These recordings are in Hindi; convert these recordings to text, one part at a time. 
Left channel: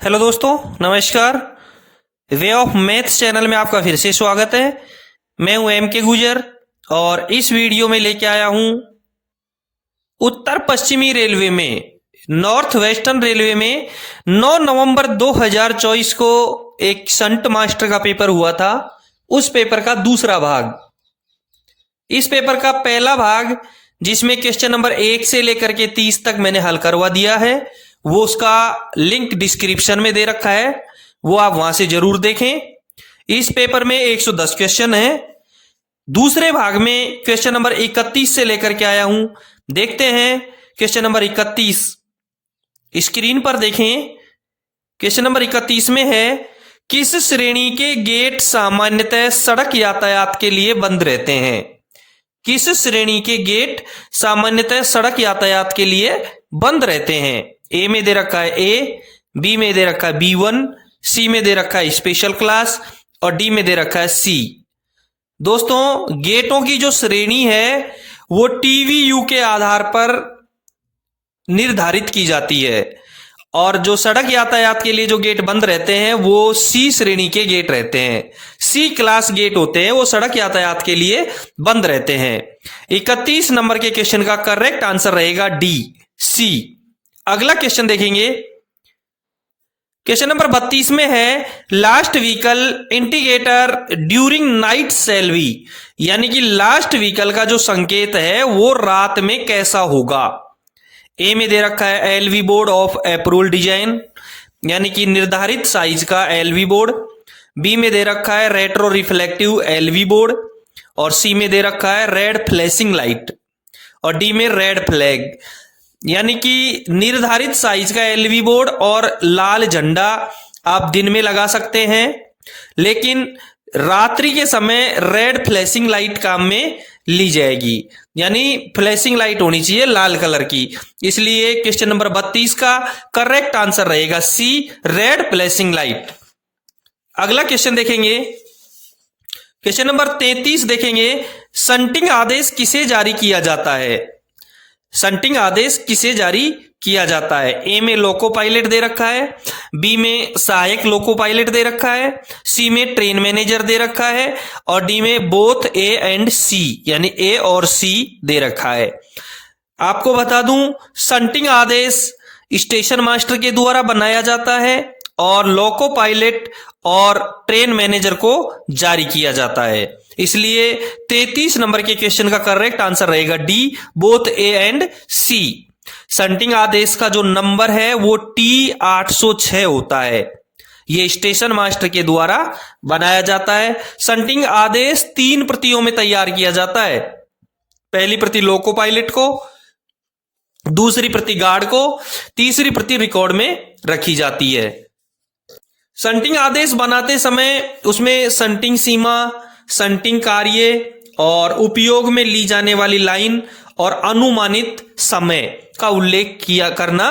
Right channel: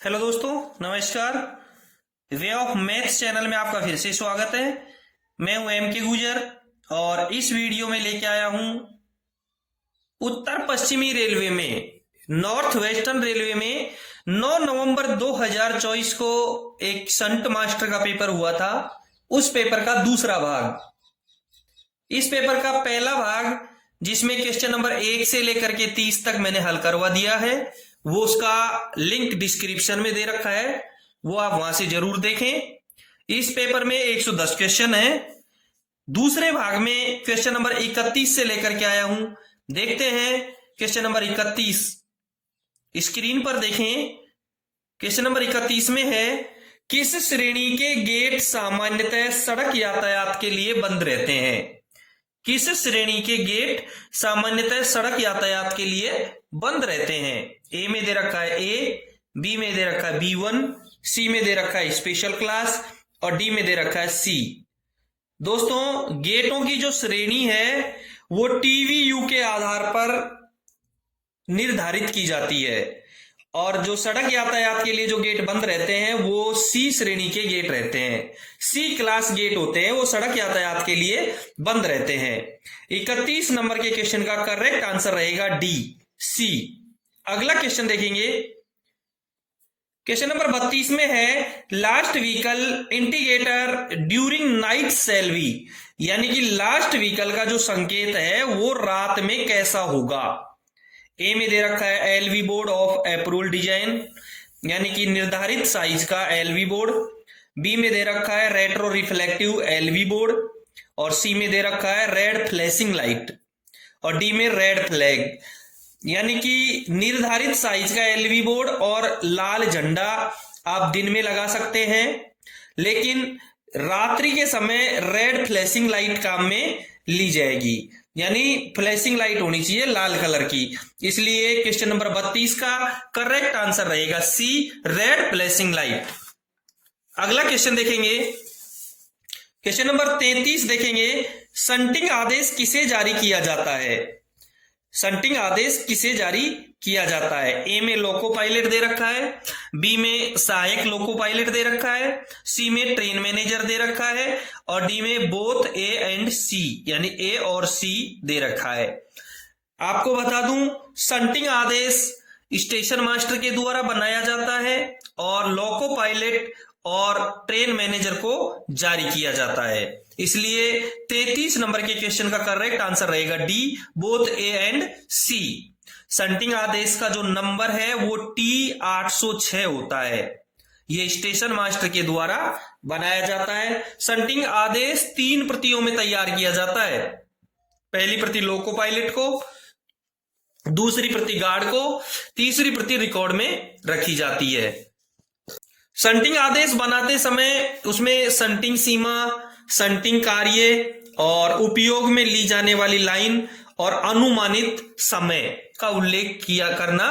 हेलो दोस्तों, नमस्कार। वे ऑफ मैथ्स चैनल में आपका फिर से स्वागत है। मैं हूं एम के गुजर और इस वीडियो में लेके आया हूं उत्तर पश्चिमी रेलवे में, नॉर्थ वेस्टर्न रेलवे में 9 नवंबर 2024 को एक संट मास्टर का पेपर हुआ था। उस पेपर का दूसरा भाग। इस पेपर का पहला भाग, जिसमें क्वेश्चन नंबर 1 से लेकर के 30 तक मैंने हल करवा दिया है, वो उसका लिंक डिस्क्रिप्शन में दे रखा है, वो आप वहां से जरूर देखें। इस पेपर में 110 क्वेश्चन है। दूसरे भाग में क्वेश्चन नंबर 31 से लेकर के आया हूं। देखते हैं क्वेश्चन नंबर 31। स्क्रीन पर देखें। क्वेश्चन नंबर 31 में है, किस श्रेणी के गेट सामान्यतः सड़क यातायात के लिए बंद रहते हैं? किस श्रेणी के गेट सामान्यतः सड़क यातायात के लिए बंद रहते हैं? ए में दे रखा है ए, बी में दे रखा है B1, सी में दे रखा है स्पेशल क्लास और डी में दे रखा है सी। दोस्तों, गेटों की जो श्रेणी है वो टीवीयू के आधार पर निर्धारित की जाती है और जो सड़क यातायात के लिए जो गेट बंद रहते हैं वो सी श्रेणी के गेट रहते हैं। सी क्लास गेट होते हैं, वो सड़क यातायात के लिए बंद रहते हैं। 31 नंबर के क्वेश्चन का करेक्ट आंसर रहेगा डी, सी। अगला क्वेश्चन देखेंगे। क्वेश्चन नंबर 32 में है, last vehicle indicator during night shall be, यानी कि लास्ट व्हीकल का जो संकेत है वो रात में कैसा होगा? ए में दे रखा है LV board of approval design, यानी कि निर्धारित साइज का एलवी बोर्ड। बी में दे रखा है रेट्रो रिफ्लेक्टिव एलवी बोर्ड और सी में दे रखा है रेड फ्लैशिंग लाइट और डी में रेड फ्लैग, यानी कि निर्धारित साइज का एलवी बोर्ड और लाल झंडा आप दिन में लगा सकते हैं, लेकिन रात्रि के समय रेड फ्लैशिंग लाइट काम में ली जाएगी, यानी फ्लैशिंग लाइट होनी चाहिए लाल कलर की। इसलिए क्वेश्चन नंबर 32 का करेक्ट आंसर रहेगा सी, रेड फ्लैशिंग लाइट। अगला क्वेश्चन देखेंगे। क्वेश्चन नंबर 33 देखेंगे, शंटिंग आदेश किसे जारी किया जाता है? शंटिंग आदेश किसे जारी किया जाता है? ए में लोको पायलट दे रखा है, बी में सहायक लोको पायलट दे रखा है, सी में ट्रेन मैनेजर दे रखा है और डी में बोथ ए एंड सी, यानी ए और सी दे रखा है। आपको बता दूं, शंटिंग आदेश स्टेशन मास्टर के द्वारा बनाया जाता है और लोको पायलट और ट्रेन मैनेजर को जारी किया जाता है। इसलिए 33 नंबर के क्वेश्चन का करेक्ट आंसर रहेगा D, both A and C. Shunting आदेश का जो नंबर है वो T806 होता है। ये स्टेशन मास्टर के द्वारा बनाया जाता है। शंटिंग आदेश 3 प्रतियों में तैयार किया जाता है। पहली प्रति लोको पायलट को, दूसरी प्रति गार्ड को, तीसरी प्रति रिकॉर्ड में रखी जाती है। शंटिंग आदेश बनाते समय उसमें शंटिंग सीमा, शंटिंग कार्य और उपयोग में ली जाने वाली लाइन और अनुमानित समय का उल्लेख किया करना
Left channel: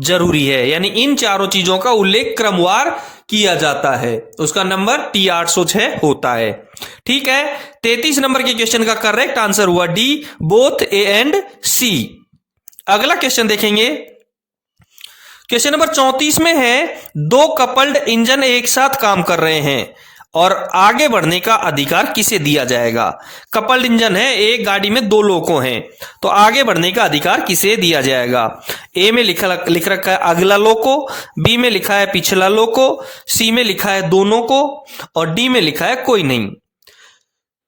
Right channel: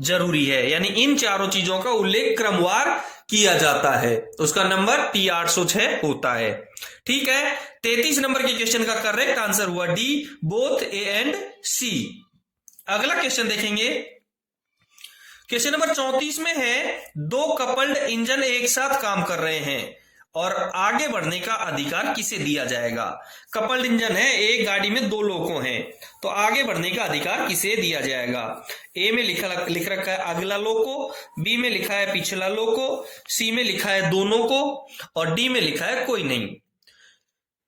जरूरी है, यानी इन चारों चीजों का उल्लेख क्रमवार किया जाता है। उसका नंबर T806 होता है। ठीक है, 33 नंबर के क्वेश्चन का करेक्ट आंसर हुआ डी, बोथ ए एंड सी। अगला क्वेश्चन देखेंगे। क्वेश्चन नंबर 34 में है, 2 कपल्ड इंजन एक साथ काम कर रहे हैं और आगे बढ़ने का अधिकार किसे दिया जाएगा? कपल्ड इंजन है, एक गाड़ी में 2 लोको हैं, तो आगे बढ़ने का अधिकार किसे दिया जाएगा? ए में लिख रखा है अगला लोको, बी में लिखा है पिछला लोको, सी में लिखा है दोनों को और डी में लिखा है कोई नहीं।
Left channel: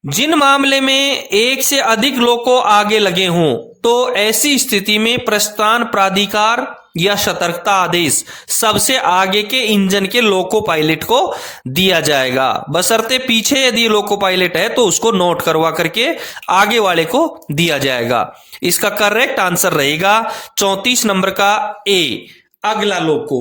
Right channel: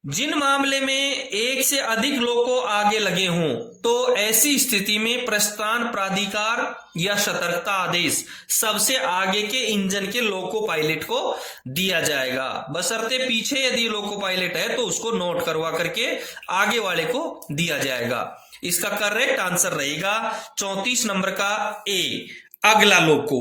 जिन मामले में एक से अधिक लोको आगे लगे हों तो ऐसी स्थिति में प्रस्थान प्राधिकार या सतर्कता आदेश सबसे आगे के इंजन के लोको पायलट को दिया जाएगा, बशर्ते पीछे यदि लोको पायलट है तो उसको नोट करवा करके आगे वाले को दिया जाएगा। इसका करेक्ट आंसर रहेगा 34 नंबर का ए, अगला लोको।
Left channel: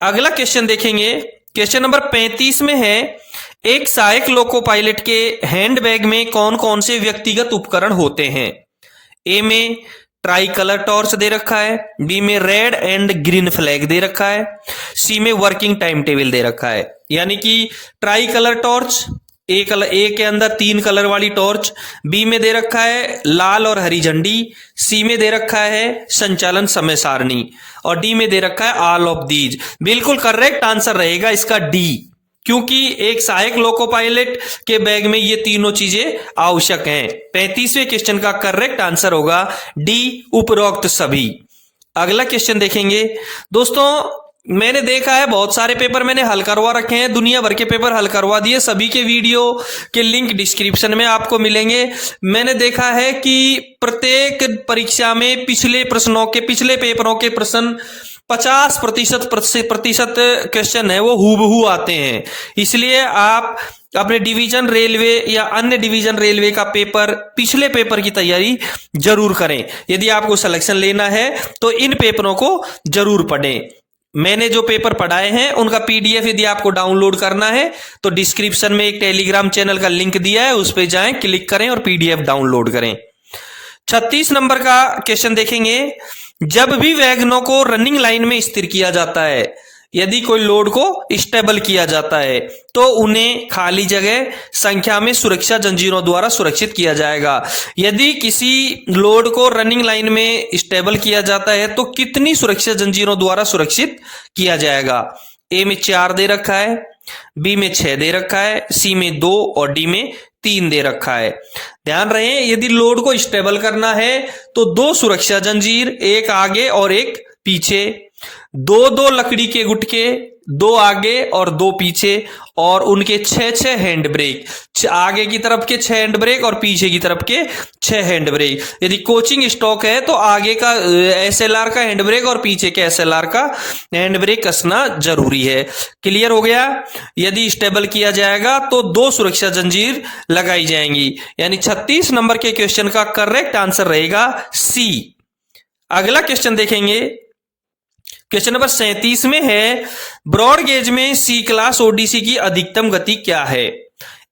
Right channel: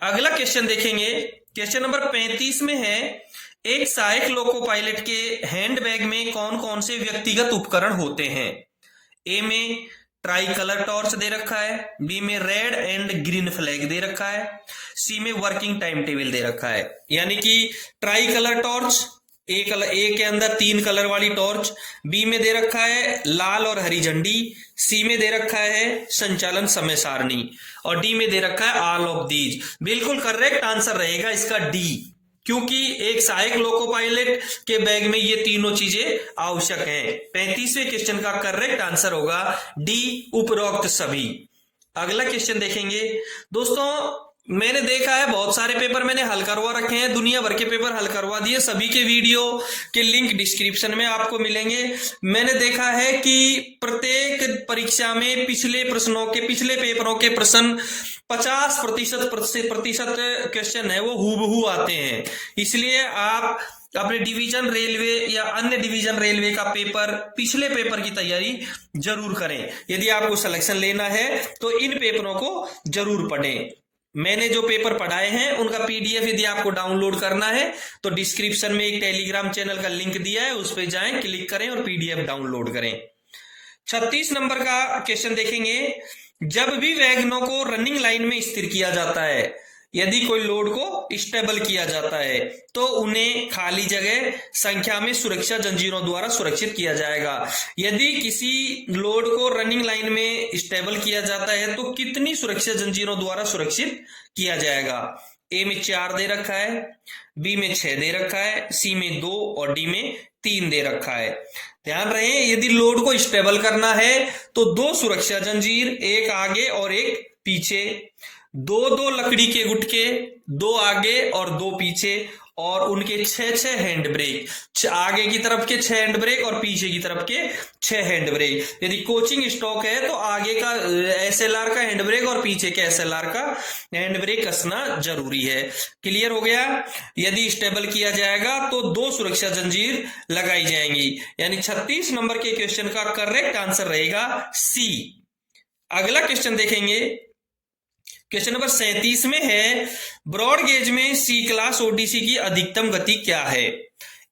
अगला क्वेश्चन देखेंगे। क्वेश्चन नंबर 35 में है, एक सहायक लोको पायलट के हैंडबैग में कौन कौन से व्यक्तिगत उपकरण होते हैं? ए में ट्राई कलर टॉर्च दे रखा है, बी में रेड एंड ग्रीन फ्लैग दे रखा है, सी में वर्किंग टाइम टेबल दे रखा है। यानी कि ट्राई कलर टॉर्च, ए के अंदर 3 कलर वाली टॉर्च, बी में दे रखा है लाल और हरी झंडी, सी में दे रखा है संचालन समय सारणी और डी में दे रखा है ऑल ऑफ दीज। बिल्कुल करेक्ट आंसर रहेगा इसका डी, क्योंकि एक सहायक लोको पायलट के बैग में ये तीनों चीजें आवश्यक हैं। 35वें क्वेश्चन का करेक्ट आंसर होगा डी, उपरोक्त सभी। अगला क्वेश्चन देखेंगे दोस्तों, मैंने देखा है बहुत सारे पेपर मैंने हल करवा रखे हैं, दुनिया भर के पेपर हल करवा दिए, सभी के वीडियो के लिंक डिस्क्रिप्शन में आपको मिलेंगे। मैंने देखा है कि प्रत्येक परीक्षा में पिछले पेपरों के प्रश्न 50% क्वेश्चन है वो हूबहू आते हैं। इसलिए आप अपने डिवीजन रेलवे या अन्य डिवीजन रेलवे का पिछले पेपर की तैयारी जरूर करें। यदि आपको सिलेक्शन लेना है तो इन पेपरों को जरूर पढ़ें। मैंने जो पेपर पढ़ाए हैं उनका पीडीएफ यदि आपको डाउनलोड करना है तो डिस्क्रिप्शन में एक टेलीग्राम चैनल का लिंक दिया है, उस पर जाएं, क्लिक करें और पीडीएफ डाउनलोड करें। 36 नंबर का क्वेश्चन देखेंगे, जब भी वैगनों को रनिंग लाइन में स्थिर किया जाता है, यदि कोई लोड को स्टेबल किया जाता है तो उन्हें खाली जगह संख्या में सुरक्षा जंजीरों द्वारा सुरक्षित किया जाएगा। यदि किसी लोड को रनिंग लाइन में स्टेबल किया जाता है तो कितनी सुरक्षा जंजीरों द्वारा सुरक्षित किया जाएगा? ए में 4 दे रखा है, बी में 6 दे रखा है, सी में 2 और डी में 3 दे रखा है। ध्यान रहे, यदि लोड को स्टेबल करना है तो 2 सुरक्षा जंजीर, एक आगे और एक पीछे, 2 लकड़ी के गुटके, 2 आगे और 2 पीछे, और उनके 6 हैंड ब्रेक, आगे की तरफ के 6 हैंड ब्रेक और पीछे की तरफ के 6 हैंड ब्रेक। यदि कोचिंग स्टॉक है तो आगे का एसएलआर का हैंड ब्रेक और पीछे के एसएलआर का हैंड ब्रेक कसना जरूरी है। क्लियर हो गया? यदि स्टेबल किया जाएगा तो 2 सुरक्षा जंजीर लगाई जाएंगी। यानी 36 नंबर के क्वेश्चन का करेक्ट आंसर रहेगा सी। अगला क्वेश्चन देखेंगे, क्वेश्चन नंबर 37 में है, ब्रॉड गेज में सी क्लास ओडीसी की अधिकतम गति क्या है?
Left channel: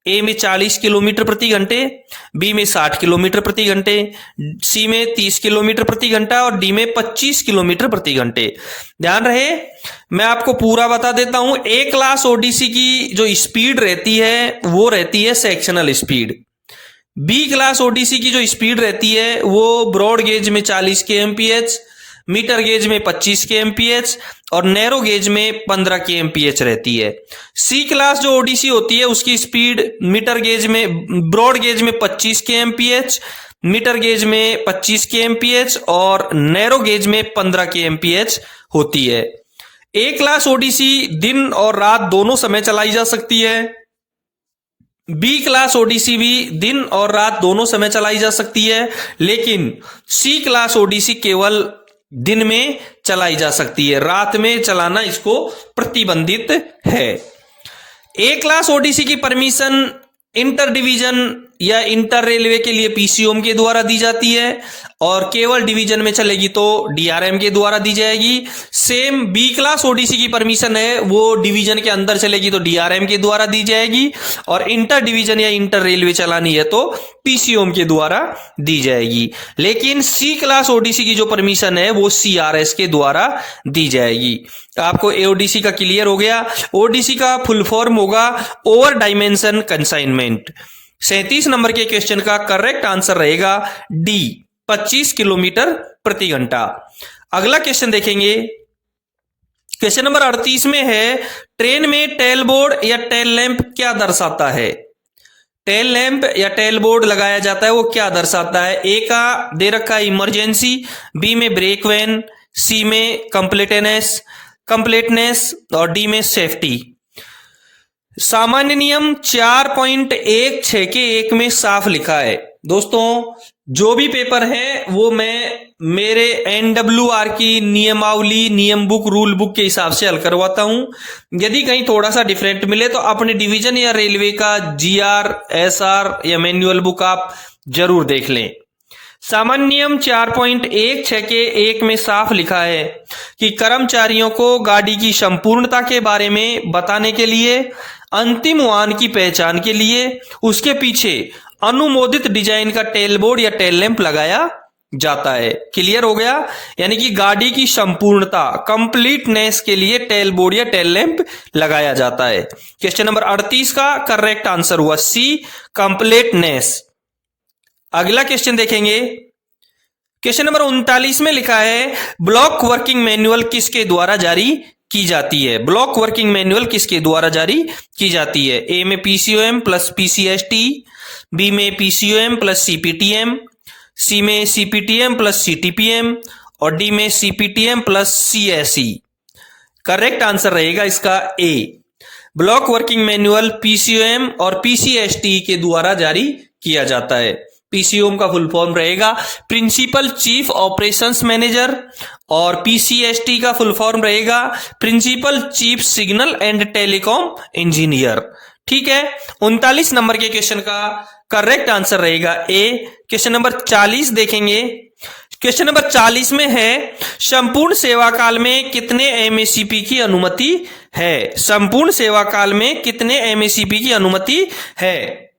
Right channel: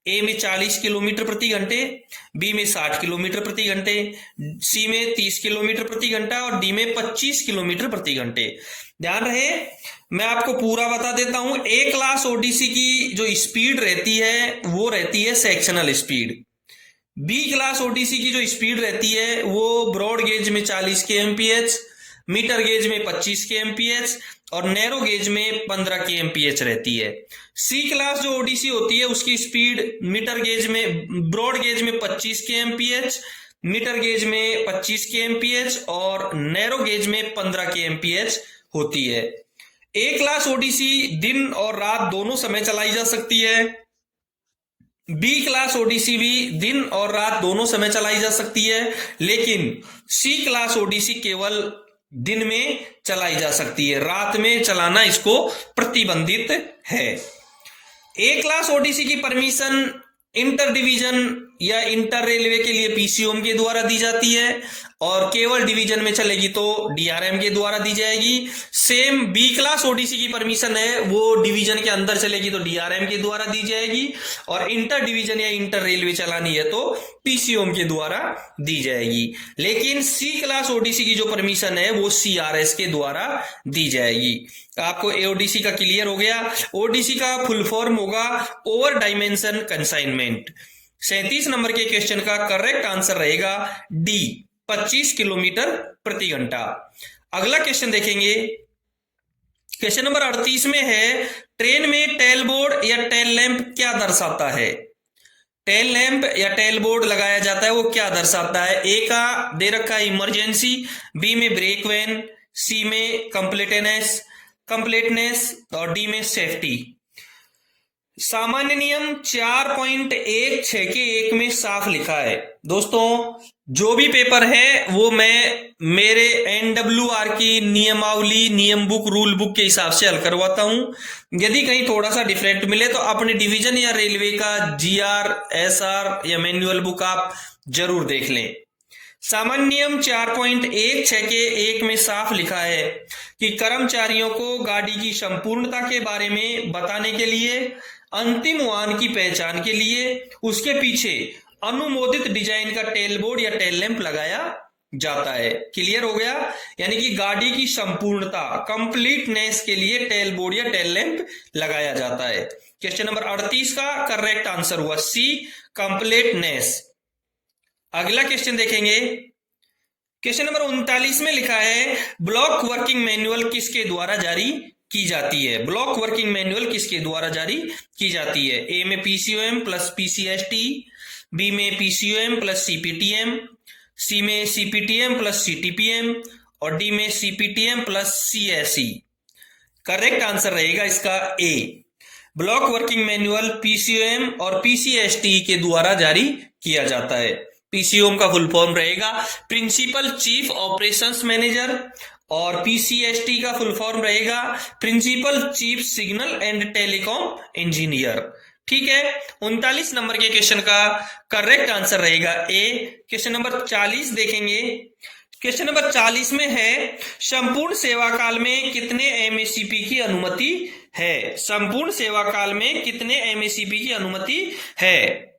ए में 40 किलोमीटर प्रति घंटे, बी में 60 किलोमीटर प्रति घंटे, सी में 30 किलोमीटर प्रति घंटा और डी में 25 किलोमीटर प्रति घंटे। ध्यान रहे, मैं आपको पूरा बता देता हूं। ए क्लास ओडीसी की जो स्पीड रहती है वो रहती है sectional speed. B class ODC की जो स्पीड रहती है वो ब्रॉड गेज में 40 kmph, मीटर गेज में 25 kmph और नैरो गेज में 15 kmph रहती है। सी क्लास जो ओडीसी होती है उसकी स्पीड मीटर गेज में, ब्रॉड गेज में 25 kmph, मीटर गेज में 25 kmph और नैरो गेज में 15 kmph होती है। ए क्लास ओडीसी दिन और रात दोनों समय चलाई जा सकती है। बी क्लास ओडीसी भी दिन और रात दोनों समय चलाई जा सकती है, लेकिन सी क्लास ओडीसी केवल दिन में चलाई जा सकती है, रात में चलाना इसको प्रतिबंधित है। ए क्लास ओडीसी की परमिशन इंटर डिवीजन या इंटर रेलवे के लिए पीसीओएम के द्वारा दी जाती है और केवल डिवीजन में चलेगी तो डीआरएम के द्वारा दी जाएगी। सेम बी क्लास ओडीसी की परमिशन है वो डिवीजन के अंदर चलेगी तो डीआरएम के द्वारा दी जाएगी और इंटर डिवीजन या इंटर रेलवे चलानी है तो पीसीओएम के द्वारा दी जाएगी। लेकिन सी क्लास ओडीसी की जो परमिशन है वो सीआरएस के द्वारा दी जाएगी। आपको एओडीसी का क्लियर हो गया। ओडीसी का फुल फॉर्म होगा ओवर डायमेंशन कंसाइनमेंट। 37 नंबर के क्वेश्चन का करेक्ट आंसर रहेगा डी, 25 किलोमीटर प्रति घंटा। अगला क्वेश्चन देखेंगे, क्वेश्चन नंबर 38 में है, ट्रेन में टेल बोर्ड या टेल लैंप क्या दर्शाता है? टेल लैंप या टेल बोर्ड लगाया जाता है वो क्या दर्शाता है? ए का दे रखा है इमरजेंसी, बी में ब्रेक वैन, सी में कंप्लीटनेस और डी में सेफ्टी। सामान्य नियम 4.16 के 1 में साफ लिखा है। दोस्तों जो भी पेपर है वो मैं मेरे एनडब्ल्यूआर की नियमावली, नियम बुक, रूल बुक के हिसाब से हल करवाता हूं। यदि कहीं थोड़ा सा डिफरेंट मिले तो अपने डिवीजन या रेलवे का जीआर, एसआर या मैनुअल बुक आप जरूर देख लें। सामान्य नियम 4.16 के 1 में साफ लिखा है कि कर्मचारियों को गाड़ी की संपूर्णता के बारे में बताने के लिए, अंतिम वाहन की पहचान के लिए उसके पीछे अनुमोदित डिजाइन का टेल बोर्ड या टेल लैंप लगाया जाता है। क्लियर हो गया? यानी कि गाड़ी की संपूर्णता, कंप्लीटनेस के लिए टेल बोर्ड या टेल लैंप लगाया जाता है। क्वेश्चन नंबर 38 का करेक्ट आंसर हुआ सी, कंप्लीटनेस। अगला क्वेश्चन देखेंगे। क्वेश्चन नंबर 39 में लिखा है ब्लॉक वर्किंग मैनुअल किसके द्वारा जारी की जाती है? ब्लॉक वर्किंग मैनुअल किसके द्वारा जारी की जाती है? ए में पीसीओएम प्लस पीसीएसटी, बी में पीसीओएम प्लस सीपीटीएम, सी में सीपीटीएम प्लस सीटीपीएम और डी में सीपीटीएम प्लस सीएसई। करेक्ट आंसर रहेगा इसका ए, ब्लॉक वर्किंग मैनुअल पीसीओएम और पीसीएसटी के द्वारा जारी किया जाता है। पीसीओएम का फुल फॉर्म रहेगा प्रिंसिपल चीफ ऑपरेशंस मैनेजर और पीसीएसटी का फुल फॉर्म रहेगा principal chief signal and telecom engineer. ठीक है, 39 नंबर के क्वेश्चन का करेक्ट आंसर रहेगा ए। क्वेश्चन नंबर 40 देखेंगे। क्वेश्चन नंबर 40 में है संपूर्ण सेवा काल में कितने एमएससीपी की अनुमति है? संपूर्ण सेवा काल में कितने एमएससीपी की अनुमति है?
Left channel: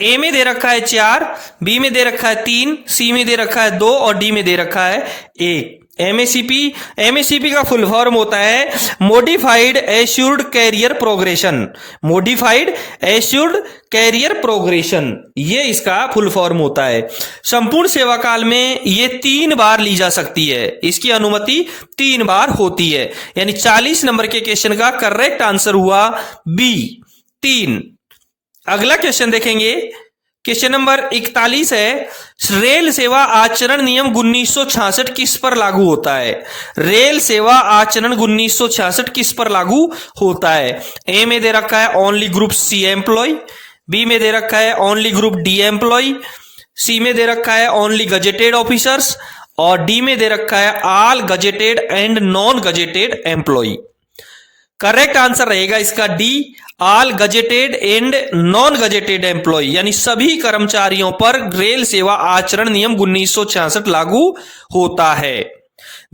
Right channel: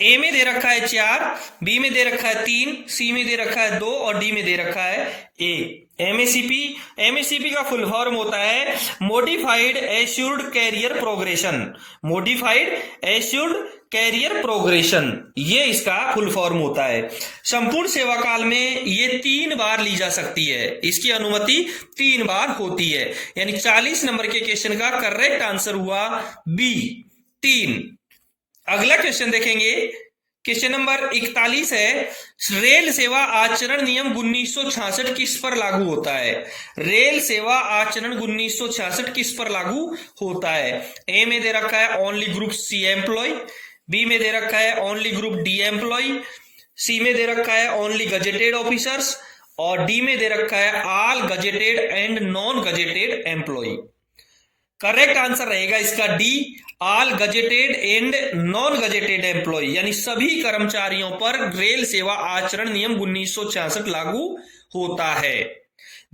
ए में दे रखा है 4, बी में दे रखा है 3, सी में दे रखा है 2 और डी में दे रखा है 1। एमएससीपी का फुल फॉर्म होता है modified assured career progression. Modified assured career progression, ये इसका फुल फॉर्म होता है। संपूर्ण सेवा काल में ये 3 बार ली जा सकती है, इसकी अनुमति 3 बार होती है। यानी 40 नंबर के क्वेश्चन का करेक्ट आंसर हुआ बी, 3। अगला क्वेश्चन देखेंगे। क्वेश्चन नंबर 41 है रेल सेवा आचरण नियम 1966 किस पर लागू होता है? रेल सेवा आचरण 1966 किस पर लागू होता है? ए में दे रखा है only group C employ, B में दे रखा है only group D employ, C में दे रखा है ओनली गजेटेड ऑफिसर्स और डी में दे रखा है all gazetted and non gazetted employ. Correct answer रहेगा इसका D, all gazetted and non gazetted employ, यानी सभी कर्मचारियों पर रेल सेवा आचरण नियम 1966 लागू होता है।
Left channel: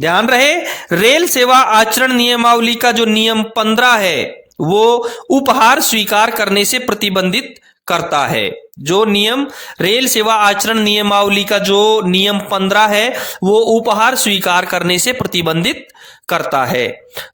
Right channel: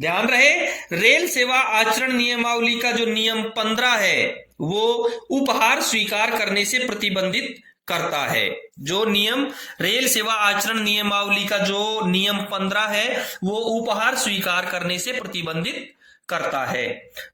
ध्यान रहे, रेल सेवा आचरण नियमावली का जो नियम 15 है वो उपहार स्वीकार करने से प्रतिबंधित करता है। जो नियम रेल सेवा आचरण नियमावली का जो नियम 15 है वो उपहार स्वीकार करने से प्रतिबंधित करता है।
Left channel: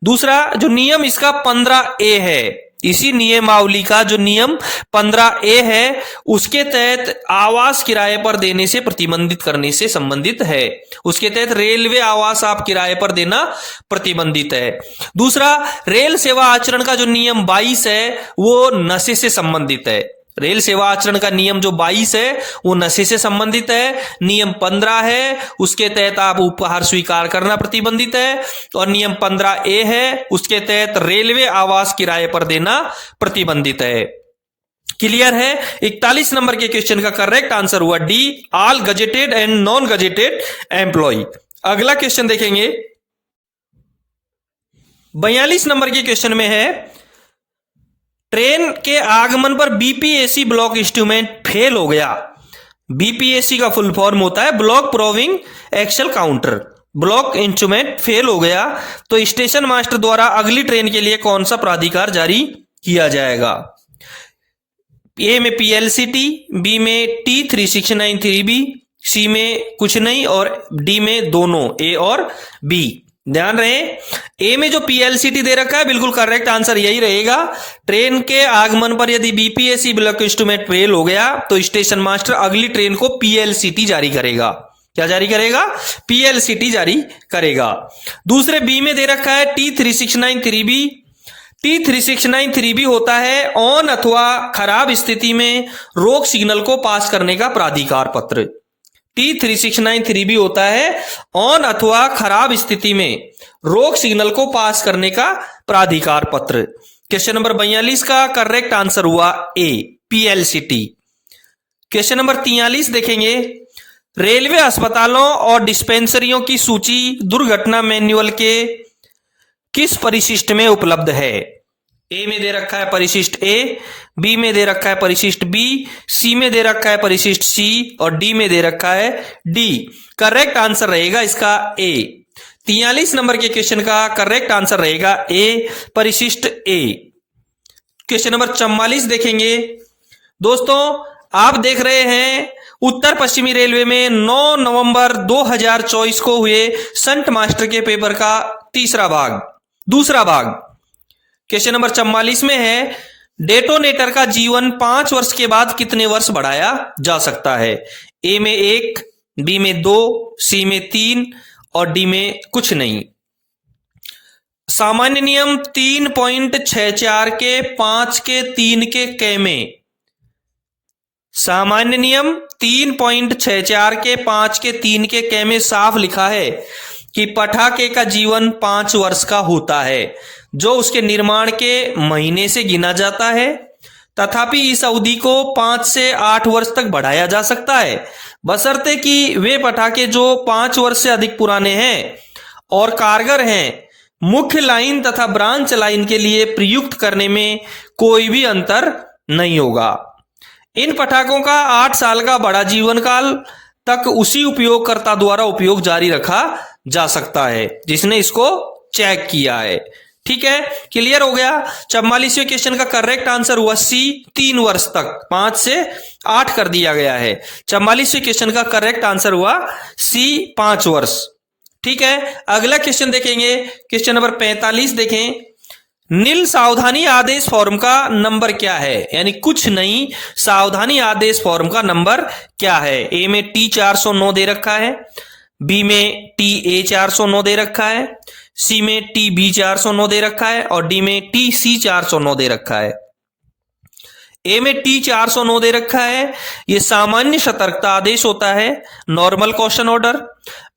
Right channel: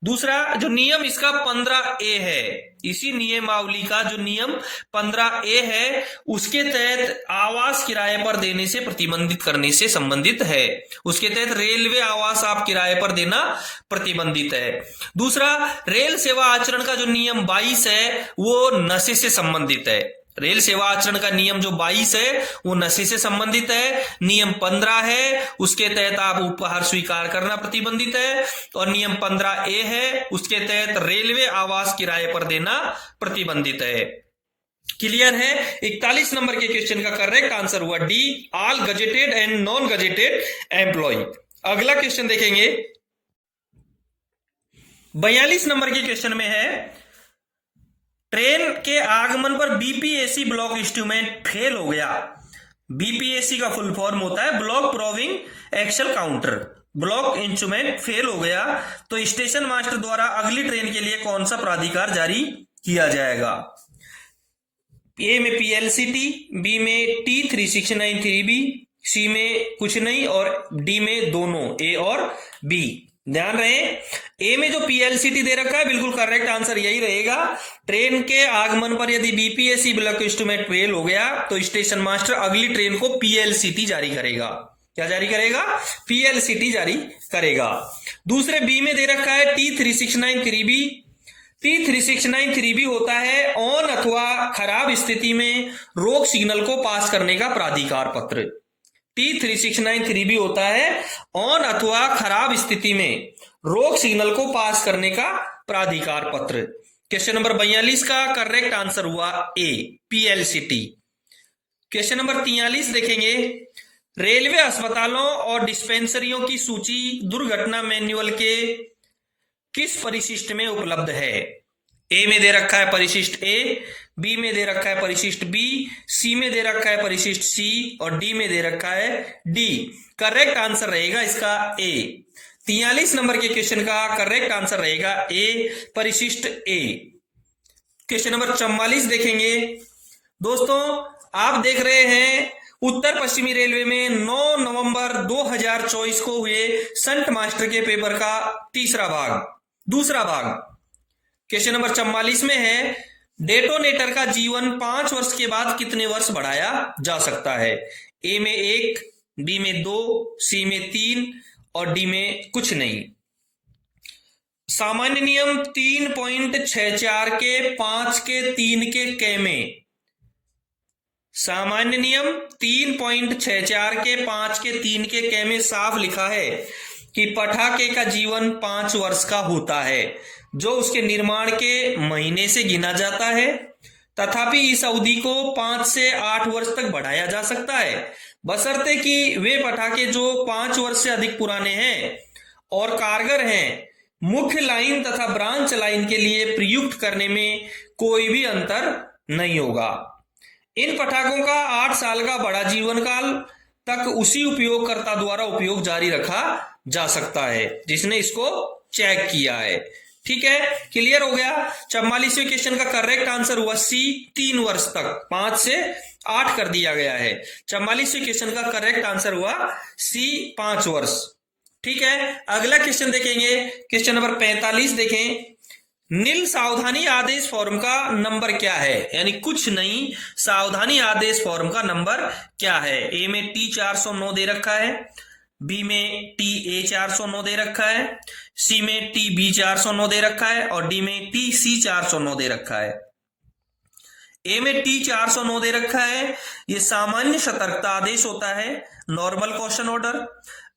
दूसरा जो नियम इसका 15A है, इसी नियमावली का जो नियम 15A है उसके तहत आवास किराए पर देने से प्रतिबंधित करने से संबंधित है। उसके तहत रेलवे आवास आप किराए पर देना प्रतिबंधित है। दूसरा रेल सेवा आचरण का जो नियम 22 है वो नशे से संबंधित है। रेल सेवा आचरण का नियम जो 22 है वो नशे से संबंधित है। नियम 15 है उसके तहत आप उपहार स्वीकार करना प्रतिबंधित है और नियम 15A है उसके तहत रेलवे आवास किराए पर देना प्रतिबंधित है। क्लियर है? 41 नंबर के क्वेश्चन का करेक्ट आंसर हुआ D, all gazetted and non gazetted employ. अगला क्वेश्चन देखेंगे। 42 नंबर के क्वेश्चन में है ट्रेन के आगमन पर बीपीएसी ब्लॉक इंस्ट्रूमेंट फेल हो गया। बीपीएसी का फुल फॉर्म होता है block proving axle counter. Block instrument fail हो गया तो स्टेशन मास्टर द्वारा अगली ट्रेन के लिए कौन सा प्राधिकार जारी किया जाएगा? ए में पीएलसीटी, बी में T3693B, सी में कुछ नहीं और डी में दोनों ए और बी। ध्यान रहे, ए में जो पीएलसीटी दे रखा है बिल्कुल करेक्ट आंसर यही रहेगा। ट्रेन के आगमन पर यदि बीपीएसी ब्लॉक इंस्ट्रूमेंट फेल हो गया तो स्टेशन मास्टर अगली ट्रेन को पीएलसीटी जारी करेगा। क्या जारी करेगा? पीएलसीटी जारी करेगा। दूसरे बी में दे रखा है T3693B। T3693B होता है ऑन अथवा खराब स्थिति में रोक सिग्नल को पास करने का प्राधिकार पत्र। T3693B होता है ऑन अथवा खराब स्थिति में रोक सिग्नल को पास करने का प्राधिकार पत्र। क्वेश्चन नंबर 42 का करेक्ट आंसर हुआ ए, पीएलसीटी। क्वेश्चन नंबर 43 देखेंगे। रेलवे अस्पतालों और डिस्पेंसरियों की सूची दुर्घटना मैन्युअल के किस परिशिष्ट में उपलब्ध है? ए में दे रखा है परिशिष्ट ए, बी में दे रखा है परिशिष्ट बी, सी में दे रखा है परिशिष्ट सी और डी में दे रखा है डी। करेक्ट आंसर रहेगा इसका ए। 43 नंबर के क्वेश्चन का करेक्ट आंसर रहेगा ए, परिशिष्ट ए। क्वेश्चन नंबर 44 देखेंगे। दोस्तों आप देख रहे हैं उत्तर पश्चिमी रेलवे में 9 नवंबर 2024 को हुए संट मास्टर के पेपर का दूसरा भाग। क्वेश्चन नंबर 44 में है, डेटोनेटर का जीवन 5 वर्ष के बाद कितने वर्ष बढ़ाया जा सकता है? ए में 1, बी में 2, सी में 3 और डी में कुछ नहीं। सामान्य नियम 3.64 के 5 के 3 के क में, सामान्य नियम 3.64 के 5 के 3 के क में साफ लिखा है कि पटाखे का जीवन 5 वर्ष का होता है, जो उसके निर्माण के महीने से गिना जाता है। तथापि इस अवधि को 5 से 8 वर्ष तक बढ़ाया जा सकता है, बशर्ते कि वे पटाखे जो 5 वर्ष से अधिक पुराने हैं और कारगर हैं, मुख्य लाइन तथा ब्रांच लाइन के लिए प्रयुक्त करने में कोई भी अंतर नहीं होगा। इन पटाखों का 8 साल का बड़ा जीवन काल तक उसी उपयोगकर्ता द्वारा उपयोग जारी रखा जा सकता है जिसने इसको चेक किया है। ठीक है, क्लियर हो गया। 44वें क्वेश्चन का करेक्ट आंसर हुआ सी, 3 वर्ष तक, 5 से 8 कर दिया गया है। 44वें क्वेश्चन का करेक्ट आंसर हुआ सी, 5 वर्ष। ठीक है, अगला क्वेश्चन देखेंगे, क्वेश्चन नंबर 45 देखें। नील सावधानी आदेश फॉर्म का नंबर क्या है? यानी कुछ नहीं, सावधानी आदेश फॉर्म का नंबर क्या है? ए में T409 दे रखा है, बी में TA409 दे रखा है, सी में TB409 दे रखा है और डी में TC409 दे रखा है। ए में T409 दे रखा है, ये सामान्य सतर्कता आदेश होता है, नॉर्मल क्वेश्चन ऑर्डर।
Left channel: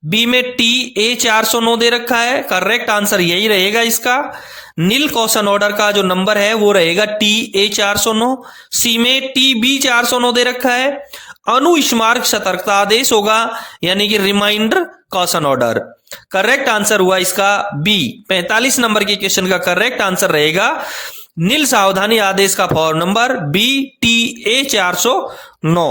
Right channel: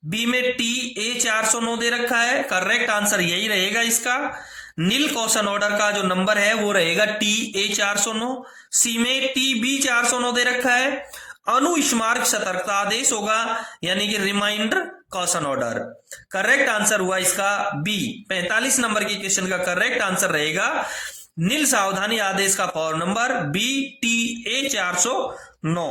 बी में TA409 दे रखा है, करेक्ट आंसर यही रहेगा इसका। नील क्वेश्चन ऑर्डर का जो नंबर है वो रहेगा TA409। सी में TB409 दे रखा है, अनुस्मारक सतर्कता आदेश होगा, यानी कि reminder question order. Correct answer हुआ इसका बी। 45 नंबर के क्वेश्चन का करेक्ट आंसर रहेगा नील सावधानी आदेश का फॉर्म नंबर बी, TA409।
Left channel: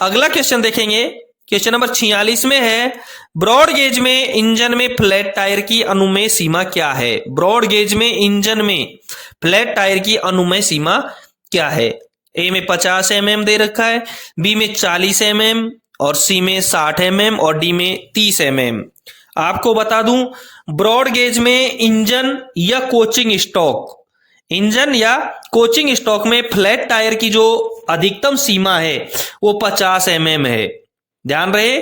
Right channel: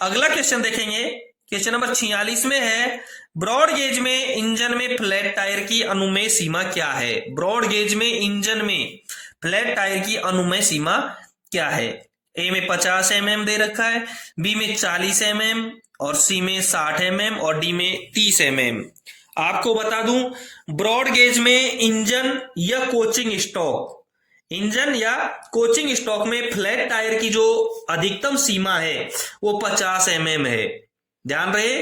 अगला क्वेश्चन देखेंगे, क्वेश्चन नंबर 46 में है, ब्रॉड गेज में इंजन में फ्लैट टायर की अनुमेय सीमा क्या है? ब्रॉड गेज में इंजन में फ्लैट टायर की अनुमेय सीमा क्या है? ए में 50 mm दे रखा है, बी में 40 mm और सी में 60 mm और डी में 30 mm। आपको बता दूं, ब्रॉड गेज में इंजन या कोचिंग स्टॉक में फ्लैट टायर की जो अधिकतम सीमा है वो 50 mm है। ध्यान रहे,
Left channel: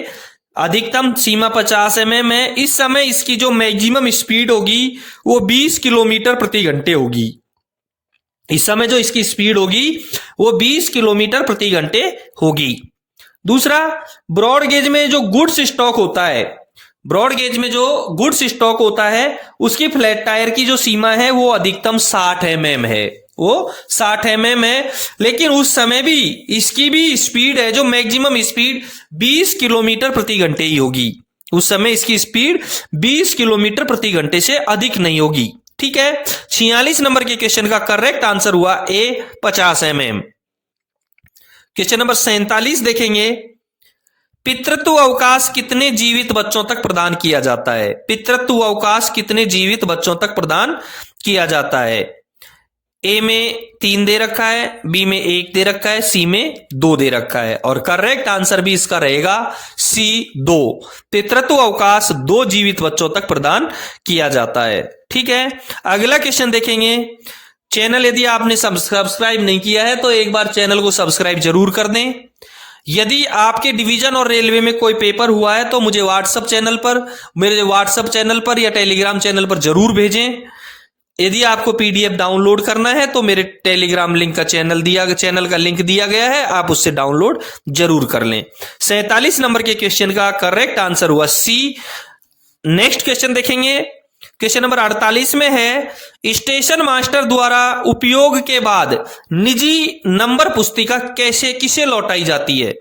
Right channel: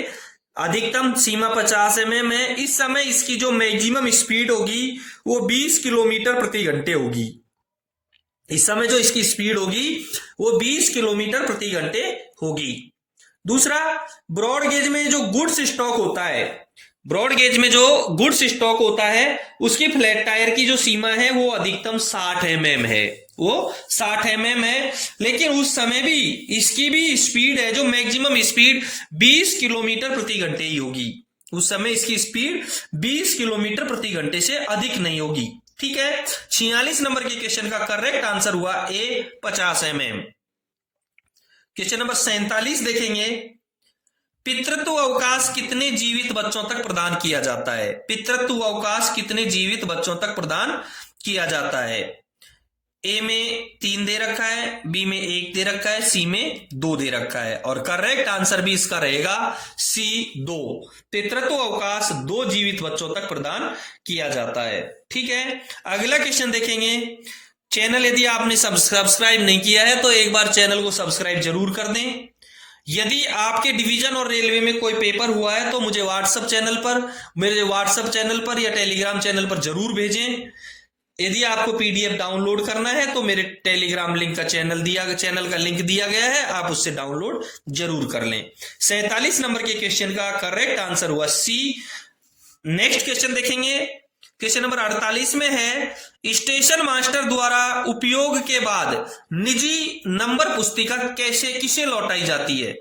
अधिकतम सीमा 50 mm है। इस समय इसकी जो मैक्सिमम स्पीड होगी वो 20 किलोमीटर प्रति घंटे होगी। इस समय जो इसकी स्पीड होगी वो 20 किलोमीटर प्रति घंटे होगी। दूसरा, ब्रॉड गेज में जो गुड्स स्टॉक होता है, उसकी फ्लैट टायर की जो सीमा है वो अधिकतम 60 mm है, वो 60 mm है। लेकिन उस समय भी इसकी भी स्पीड है, जो मैक्सिमम स्पीड 20 किलोमीटर प्रति घंटे ही होगी। उस समय इसकी स्पीड 20 किलोमीटर प्रति घंटे से अधिक नहीं होगी। ठीक है, 46 नंबर के क्वेश्चन का करेक्ट आंसर हुआ ए, 50 mm। क्वेश्चन नंबर 47 देखेंगे, पितृत्व अवकाश कितने जीवित बच्चों तक प्रदान किया जाता है? पितृत्व अवकाश कितने जीवित बच्चों तक प्रदान किया जाता है? ए में 3 दे रखा है, बी में 1 दे रखा है, सी में 2 दे रखा है और करेक्ट आंसर भी इसका रहेगा सी, 2। पितृत्व अवकाश 2 जीवित बच्चों तक प्रदान किया जाता है। ठीक है, अगला क्वेश्चन देखेंगे। चैनल यदि आपने सब्सक्राइब नहीं किया है तो एक बार चैनल को सब्सक्राइब जरूर कर दें। यदि आपके डिवीजन और रेलवे में कोई पेपर हुआ है तो मुझे मेरे व्हाट्सएप चैनल पर या टेलीग्राम चैनल पर जरूर भेजें। यदि आपको PDF डाउनलोड करना है तो मेरे टेलीग्राम लिंक का चैनल का लिंक दिया गया है, आप उससे डाउनलोड जरूर कर लें। 47 नंबर के क्वेश्चन का करेक्ट आंसर हुआ सी। नेक्स्ट क्वेश्चन देखेंगे, क्वेश्चन नंबर 48 में है, स्टेशन मास्टर द्वारा उपयोग के बाद निजी नंबर पुस्तिका किसे लौटाई जाती है?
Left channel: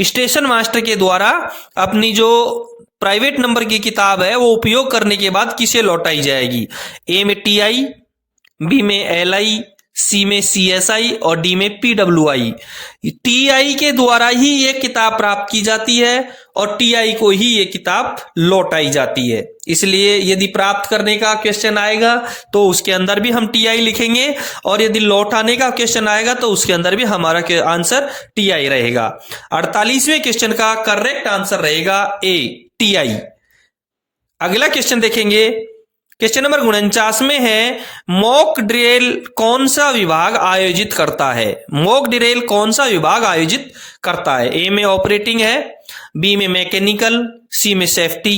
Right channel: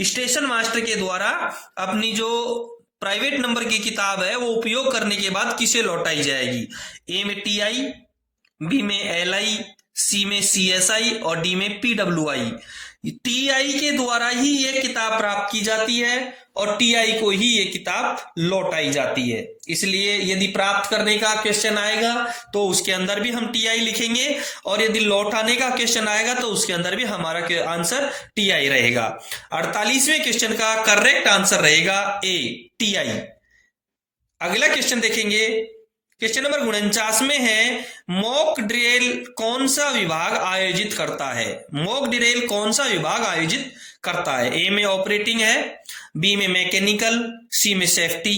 स्टेशन मास्टर के द्वारा अपनी जो प्राइवेट नंबर की किताब है वो उपयोग करने के बाद किसे लौटाई जाएगी? ए में TI, बी में LI, सी में CSI और डी में PWI। TI के द्वारा ही ये किताब प्राप्त की जाती है और टीआई को ही ये किताब लौटाई जाती है। इसलिए यदि प्राप्त करने का क्वेश्चन आएगा तो उसके अंदर भी हम टीआई लिखेंगे, और यदि लौटाने का क्वेश्चन आएगा तो उसके अंदर भी हमारा आंसर टीआई रहेगा। 48वें क्वेश्चन का करेक्ट आंसर रहेगा ए, टीआई। अगला क्वेश्चन देखेंगे, क्वेश्चन नंबर 49 में है, मॉक ड्रिल कौन सा विभाग आयोजित करता है? मॉक ड्रिल कौन सा विभाग आयोजित करता है? ए में ऑपरेटिंग है, बी में मैकेनिकल, सी में सेफ्टी।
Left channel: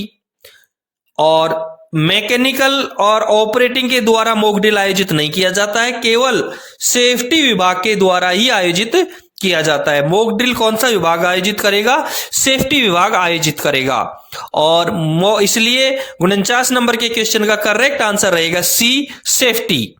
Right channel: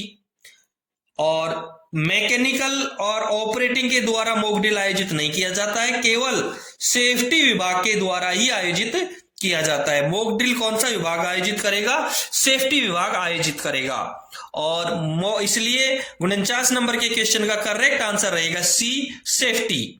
और मैकेनिकल और ऑपरेटिंग के द्वारा मॉक ड्रिल आयोजित नहीं किया जाता है, केवल सेफ्टी विभाग के द्वारा ही आयोजित किया जाता है। मॉक ड्रिल कौन सा विभाग आयोजित करेगा? सेफ्टी विभाग आयोजित करेगा। और इसलिए 49 नंबर के क्वेश्चन का करेक्ट आंसर रहेगा सी, सेफ्टी।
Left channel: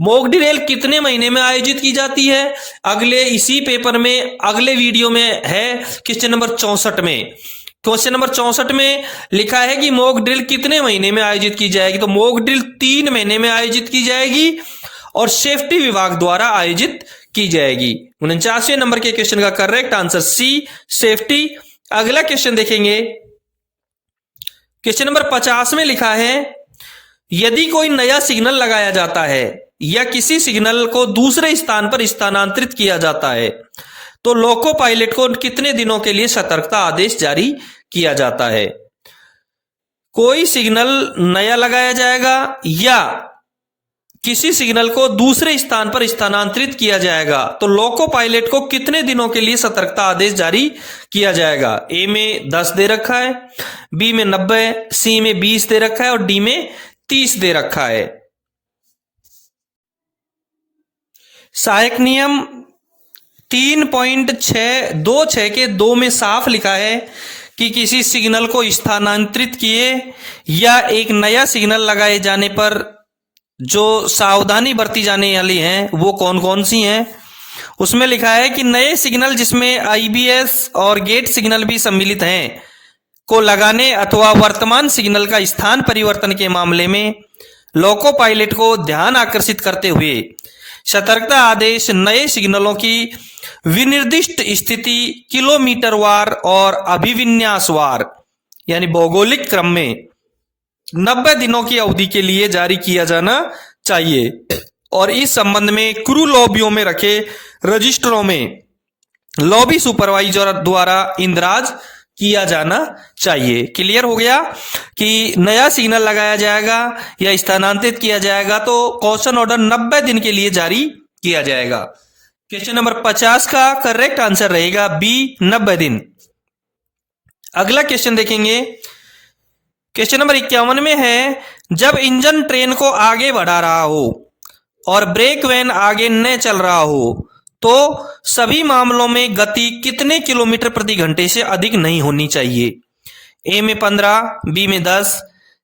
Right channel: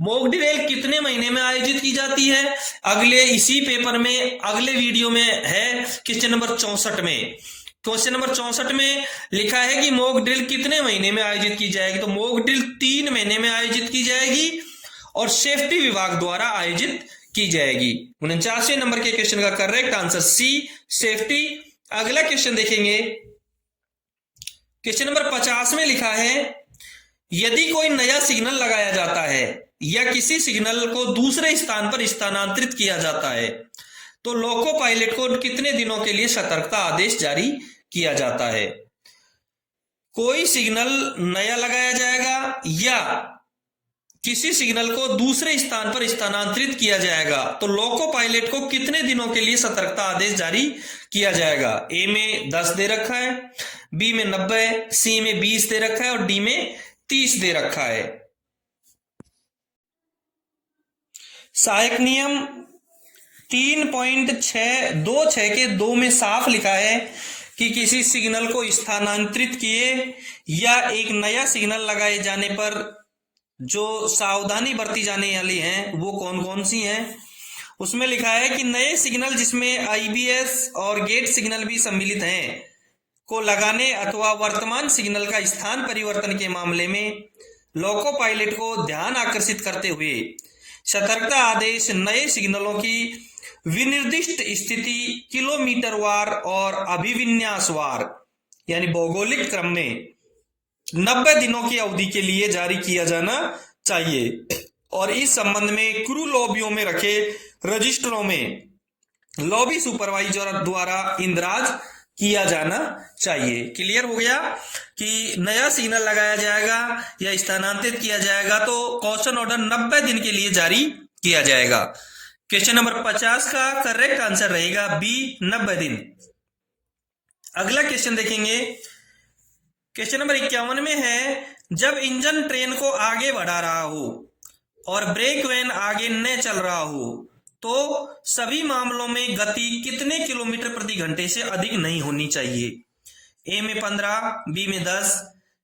मॉक ड्रिल कितने महीने में आयोजित की जाती है? अगले इसी पेपर में अगले वीडियो में है क्वेश्चन नंबर 64 में। क्वेश्चन नंबर 64 में लिखा है कि मॉक ड्रिल कितने महीने में आयोजित की जाएगी, तो मॉक ड्रिल 3 महीने में आयोजित की जाएगी और सेफ्टी विभाग द्वारा आयोजित की जाएगी। 49वें नंबर के क्वेश्चन का करेक्ट आंसर सी, सेफ्टी। अगला क्वेश्चन देखेंगे, क्वेश्चन नंबर 50 में लिखा है, यदि कोई नया सिग्नल लगाया जाता है या किसी सिग्नल को दूसरे स्थान पर स्थानांतरित किया जाता है तो लोको पायलट को कितने दिनों के लिए सतर्कता आदेश जारी किया जाता है? कोई सिग्नल नया लगाया जाएगा या किसी सिग्नल को दूसरे स्थान पर स्थानांतरित किया जाएगा तो लोको पायलट को कितने दिनों के लिए सतर्कता आदेश जारी किया जाएगा? ए में 10 दे रखा है, बी में 90, सी में 20 दे रखा है और डी में 30 दे रखा है। सहायक नियम 3.626 के 2 में साफ लिखा है कि किसी सिग्नल को स्थानांतरित किए या एक नया सिग्नल लगाए जाने पर जो सावधानी बरती जाने वाली हैं वो कौन कौन सी हैं। उसमें लिखा है कि नए सिग्नल जिसमें आईबीएस और गेट सिग्नल भी सम्मिलित हैं को लगाने अथवा वर्तमान सिग्नल का स्थान परिवर्तन के मामले में लोको पायलट को ध्यान आकर्षित करते हुए सतर्कता आदेश नए सिग्नलों की विनिर्दिष्ट स्थिति किलोमीटरवार और अभिविन्यासवार यानी भौगोलिक क्रम में 90 दिनों की अवधि के लिए जारी किया जाना चाहिए। और इस संबंध में क्रू लॉबियों में रखे रजिस्टरों में लॉबी सुपरवाइजर द्वारा इंदराज किया जाना चाहिए। क्लियर हो गया कि नया सिग्नल लगाया जाएगा या स्थानांतरित किया जाएगा तो कॉशन ऑर्डर 90 दिन के लिए जारी किया जाएगा। क्वेश्चन नंबर 50 का करेक्ट आंसर रहेगा बी, 90 दिन। अगला क्वेश्चन देखेंगे, क्वेश्चन नंबर 51 में है, जब इंजन ट्रेन को आगे बढ़ा रहा हो और ब्रेक वैन आगे न चल रहा हो तो सभी मामलों में गति कितने किलोमीटर प्रति घंटे से अधिक नहीं होनी चाहिए? ए में 15, बी में 10,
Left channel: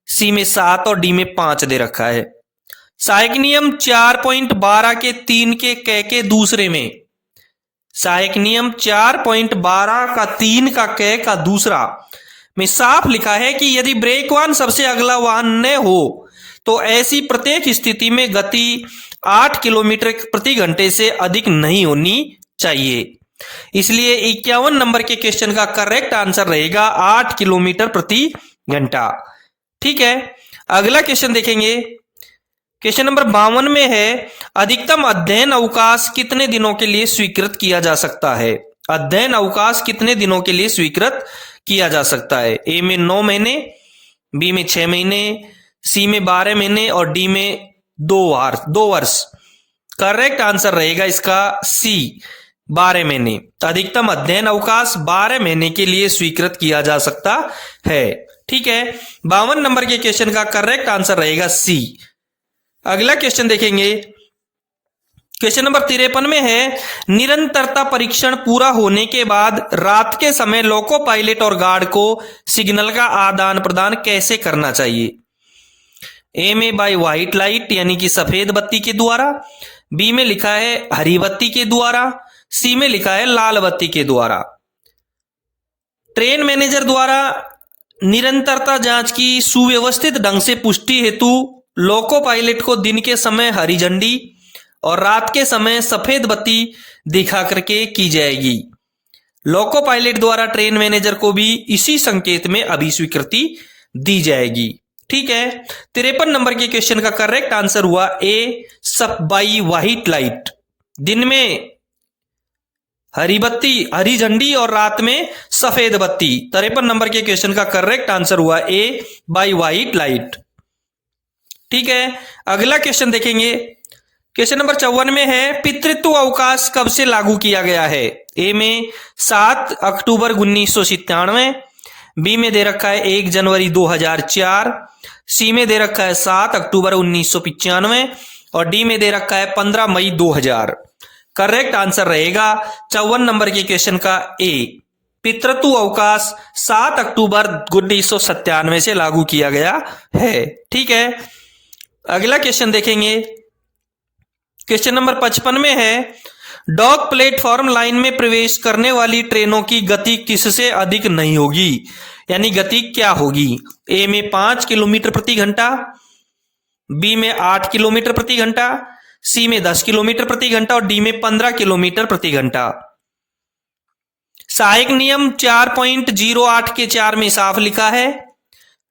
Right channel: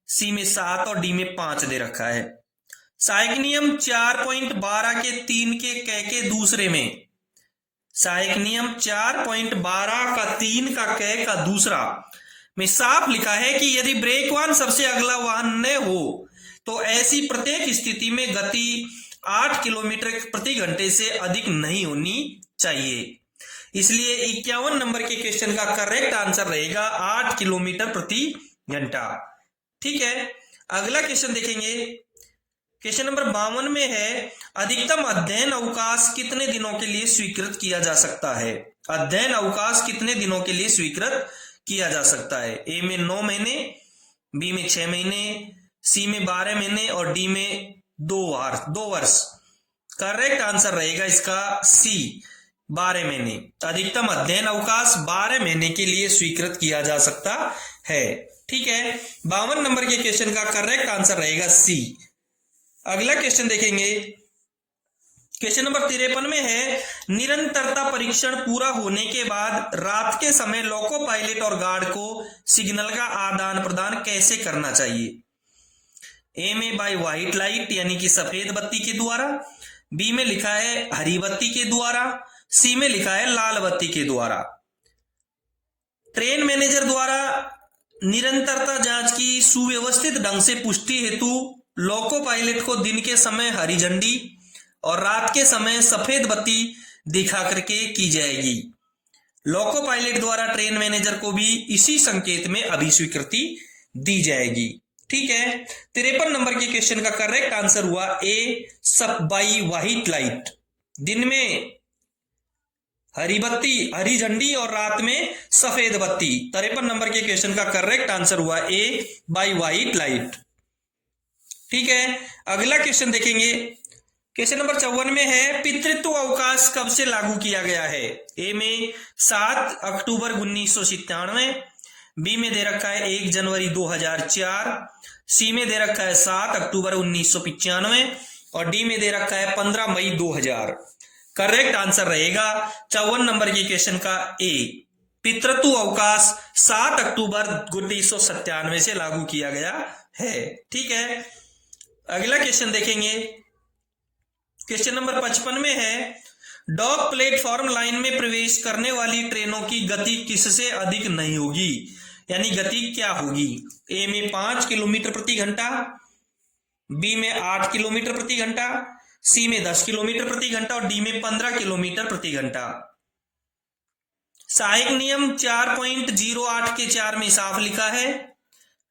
सी में 7 और डी में 5 दे रखा है। सहायक नियम 4.12 के 3 के क के दूसरे में, सहायक नियम 4.12 का 3 का क का दूसरा में साफ लिखा है कि यदि ब्रेक वाहन सबसे अगला वाहन न हो तो ऐसी प्रत्येक स्थिति में गति 8 किलोमीटर प्रति घंटे से अधिक नहीं होनी चाहिए। इसलिए 51 नंबर के क्वेश्चन का करेक्ट आंसर रहेगा 8 किलोमीटर प्रति घंटा। ठीक है, अगला क्वेश्चन देखेंगे, क्वेश्चन नंबर 52 में है, अधिकतम अध्ययन अवकाश कितने दिनों के लिए स्वीकृत किया जा सकता है? अध्ययन अवकाश कितने दिनों के लिए स्वीकृत किया जा सकता है? ए में 9 महीने, बी में 6 महीने, सी में 12 महीने और डी में 2 वर्ष। करेक्ट आंसर रहेगा इसका सी, 12 महीने। अधिकतम अध्ययन अवकाश 12 महीने के लिए स्वीकृत किया जा सकता है। ठीक है, 52 नंबर के क्वेश्चन का करेक्ट आंसर रहेगा सी। अगला क्वेश्चन देखेंगे, क्वेश्चन नंबर 53 में है, निरंतरता परीक्षण पूरा होने के बाद रात के समय लोको पायलट और गार्ड को सिग्नल का आदान प्रदान कैसे करना चाहिए? ए में बाय व्हाइट लाइट यानी कि सफेद बत्ती के द्वारा, बी में लिखा है हरी बत्ती के द्वारा, सी में लिखा है लाल बत्ती के द्वारा। ट्रेन मैनेजर द्वारा निरंतरता जांच की सुव्यवस्थित ढंग से पुष्टि हेतु लोको पायलट को दिन के समय हरी झंडी और रात के समय सफेद बत्ती दिखा करके की जाएगी। लोको पायलट द्वारा ट्रेन मैनेजर को भी इसी संकेत में अभिस्वीकृति दी जाएगी। ठीक है। 53 नंबर के क्वेश्चन का करेक्ट आंसर हुआ ए, सब बाई व्हाइट लाइट। दिन में हरी बत्ती, हरी झंडी और रात में सफेद बत्ती। 53 नंबर के क्वेश्चन का करेक्ट आंसर हुआ ए, बाई व्हाइट लाइट। ठीक है। अगला क्वेश्चन देखेंगे। क्वेश्चन नंबर 54 में है, पितृत्व अवकाश कब से लागू किया गया है? ए में 7 अक्टूबर 1997, बी में दे रखा है 1 जनवरी 2004, सी में दे रखा है 7 अक्टूबर 1995 और डी में दे रखा है 15 मई 2000। करेक्ट आंसर रहेगा 54 नंबर के क्वेश्चन का ए, पितृत्व अवकाश 7 अक्टूबर 1997 से लागू किया गया है। ठीक है। अगला क्वेश्चन देखेंगे। क्वेश्चन नंबर 55 में है, डॉक प्लेटफॉर्म लाइन में प्रवेश करने वाली ट्रेनों की गति किससे अधिक नहीं होगी? यानी गति क्या होगी? ए में 5 किलोमीटर प्रति घंटा, बी में 8 किलोमीटर प्रति घंटा, सी में 10 किलोमीटर प्रति घंटा और डी में 15 किलोमीटर प्रति घंटा। सहायक नियम 4.08 के 4 में साफ लिखा है,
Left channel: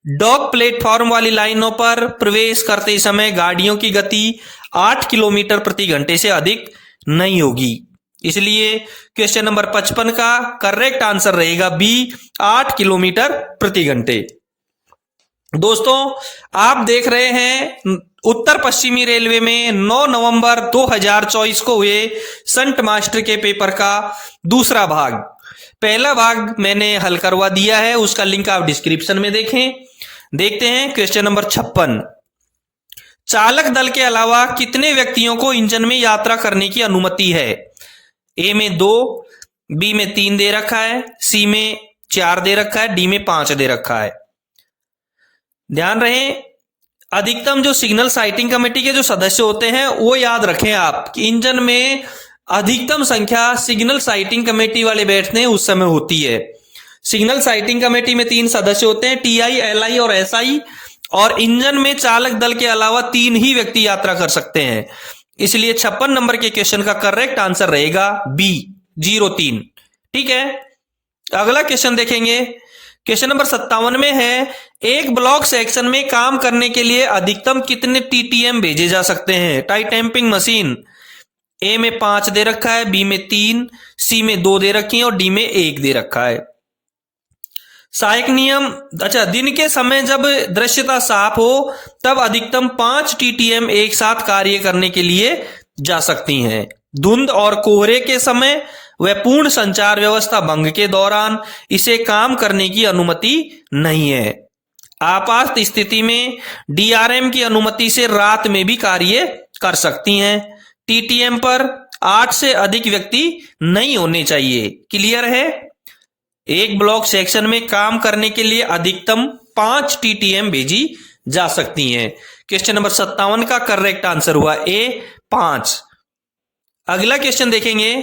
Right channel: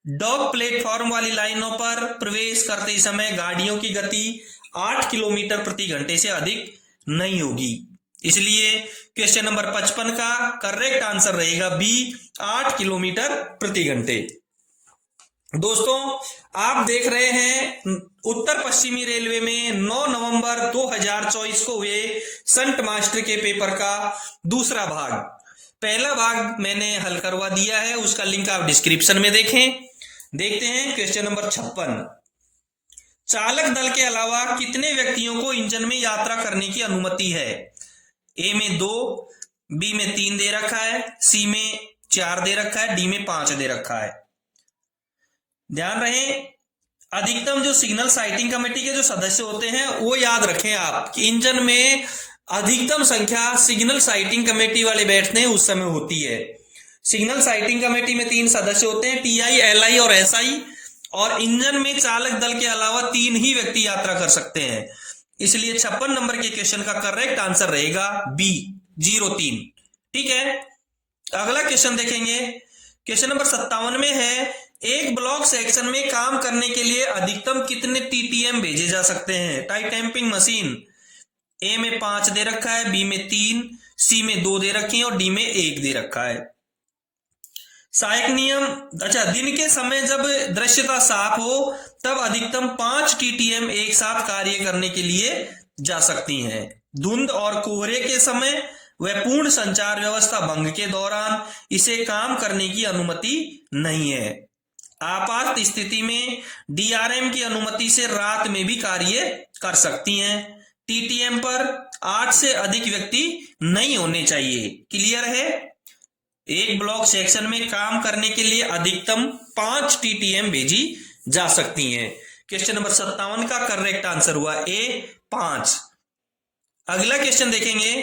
डॉक प्लेटफॉर्म वाली लाइनों पर प्रवेश करते समय गाड़ियों की गति 8 किलोमीटर प्रति घंटे से अधिक नहीं होगी। इसलिए क्वेश्चन नंबर 55 का करेक्ट आंसर रहेगा बी, 8 किलोमीटर प्रति घंटे। दोस्तों, आप देख रहे हैं उत्तर पश्चिमी रेलवे में 9 नवंबर 2024 को हुए संट मास्टर के पेपर का दूसरा भाग। पहला भाग मैंने हल करवा दिया है, उसका लिंक आप डिस्क्रिप्शन में देखें। देखते हैं क्वेश्चन नंबर 56। चालक दल के अलावा कितने व्यक्तियों को इंजन में यात्रा करने की अनुमति है? ए में 2, बी में 3 दे रखा है, सी में 4 दे रखा है, डी में 5 दे रखा है। ध्यान रहे, अधिकतम जो सिग्नल साइटिंग कमेटी के जो सदस्य होते हैं वो याद रखें आप कि इंजन में अधिकतम संख्या सिग्नल साइटिंग कमेटी वाले बैठते हैं उस समय होती है। सिग्नल साइटिंग कमेटी में 3 सदस्य होते हैं, टीआई, एलआई और एसआई, और इंजन में चालक दल के अलावा 3 ही व्यक्ति यात्रा कर सकते हैं। इसलिए 56 नंबर के क्वेश्चन का करेक्ट आंसर रहेगा बी, 03। ठीक है। अगला क्वेश्चन देखेंगे। क्वेश्चन नंबर 57 में है, एक ब्लॉक सेक्शन में काम करने के लिए अधिकतम कितने टीटीएम भेजे जा सकते हैं? Tie tamping machine. ए में 5 दे रखा है, बी में 3, सी में 2 दे रखी है और डी में 1 दे रखा है। सहायक नियम, अच्छा, दिन के समय जब दृश्यता साफ हो तब अधिकतम 5 टीटीएम एक साथ कार्य करने के लिए जा सकती हैं। धुंध और कोहरे के समय व पूर्ण संचार व्यवस्था भंग के दौरान इसे काम करने की अनुमति नहीं है। आपात स्थिति में डीआरएम की अनुमति से रात में भी कार्य कर सकती हैं। टीटीएम पर 8 से अधिक व्यक्ति नहीं होने चाहिए। क्लियर है? एक ब्लॉक सेक्शन में काम करने के लिए अधिकतम 5 टीटीएम भेजी जा सकती हैं। क्वेश्चन नंबर 57 का करेक्ट आंसर हुआ ए, 5। अगला क्वेश्चन देखेंगे।